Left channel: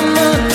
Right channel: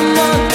someone